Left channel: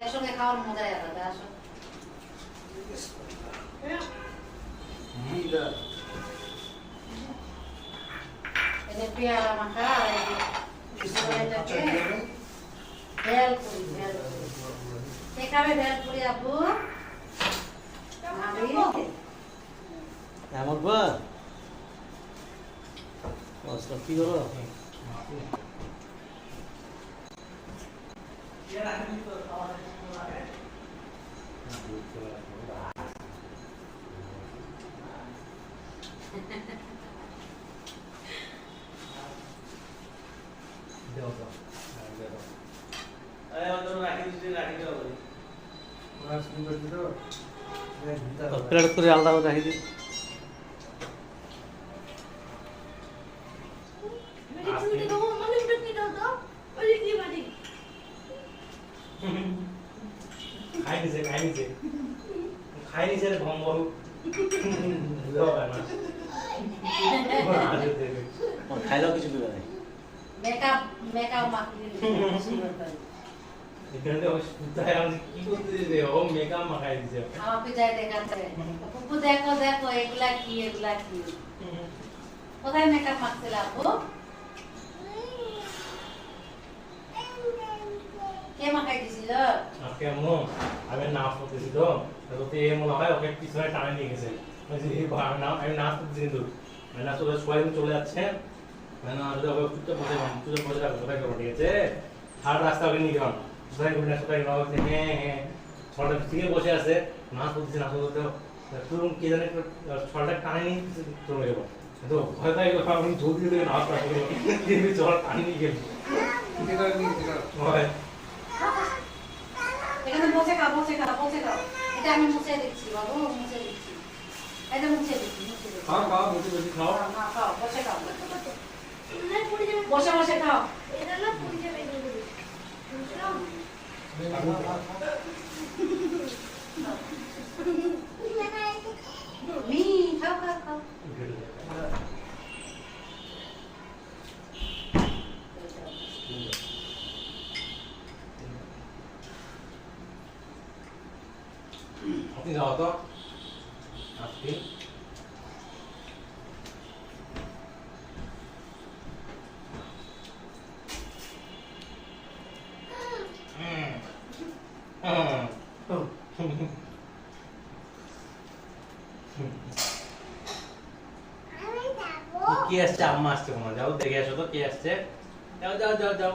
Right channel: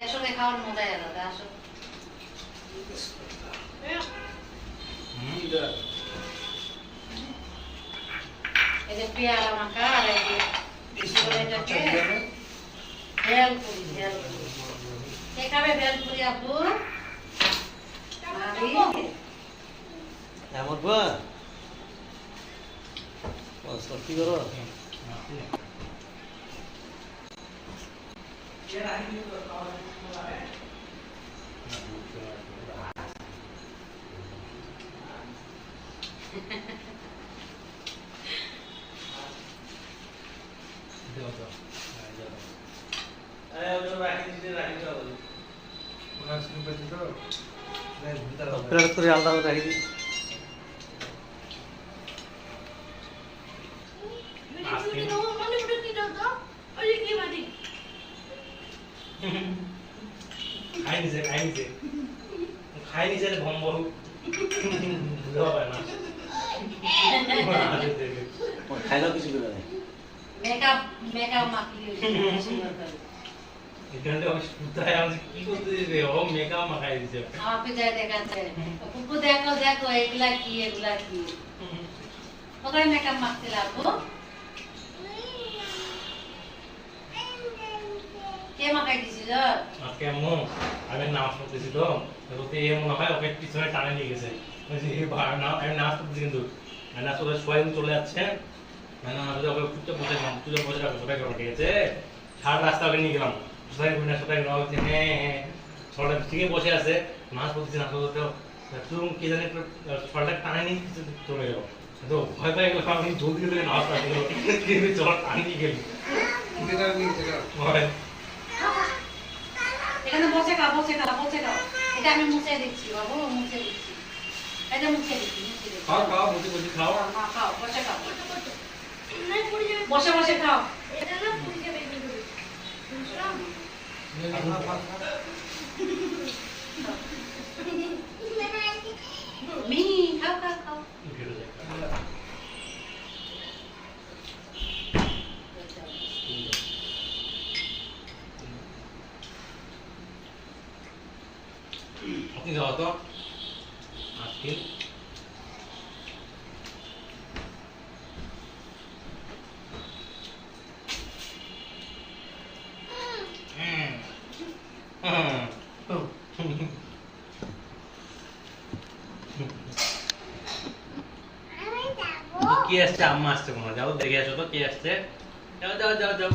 একসঙ্গে খাওয়ার মজাই আলাদা। আসো এই যে পেয়ারা মাখা আর এই যে এটাকে ভেল পুরি কে খাবে ভেল পুরি আপু? আমি আমার বা কি করো প্লেট করে আলাদা করে রাখি দিই। খাই নিছে ভম বহু খাইলেও কিছু দেবে না। মেকআপ মাখলি এখানে সুতায় আমি কি করতে দিবে ও মেকআপ মাখাই দিছে আপনি যাই দেখাতে কুকু দেখো দেখো এগুলা কি কোথায় মেকআপ মাখছিল আপু? কে মাখাই দিছিল? আজকে আম্মু আমি নামাজ পড়তেছি তো ওতে এ মনে হয় ওকে পিছনে টানে নিয়ে গেছে বলছি এই আমি নামাজ পড়তেছি কিন্তু আমি নামাজ পড়তে সবাই চলে যাচ্ছে আমি নামাজ পড়তে ওকে চুপচাপ বসে রাখবো সবাই করবো ঠিক আছে হাট রাস্তা ওকে নিয়ে গেলাম সবাই ঘুরে সবাই বলছে হ্যাঁ ছটা ঠিক বসে আছে নামাজ পড়তেছি নামাজ পড়তে তুই কে জানে ছটা টানে নিয়ে চলে গেল তো ভয় পাই গেলাম আমি জলদি জলদি নামাজ পড়তে চল টানে নিয়ে গেলি এখানে বসে খাও এটা আমি মুছে দিচ্ছি বাবু মুছে দিচ্ছি এটা মুছে দিচ্ছি খাও বসে খাও খাও বসে খাও এটা না পুরি যাবে মি খাও আপনি যাও তো আজকে কি আসছে আম্মা আসছে কোনো যাও দেখে আসো তো কি আসছে যাও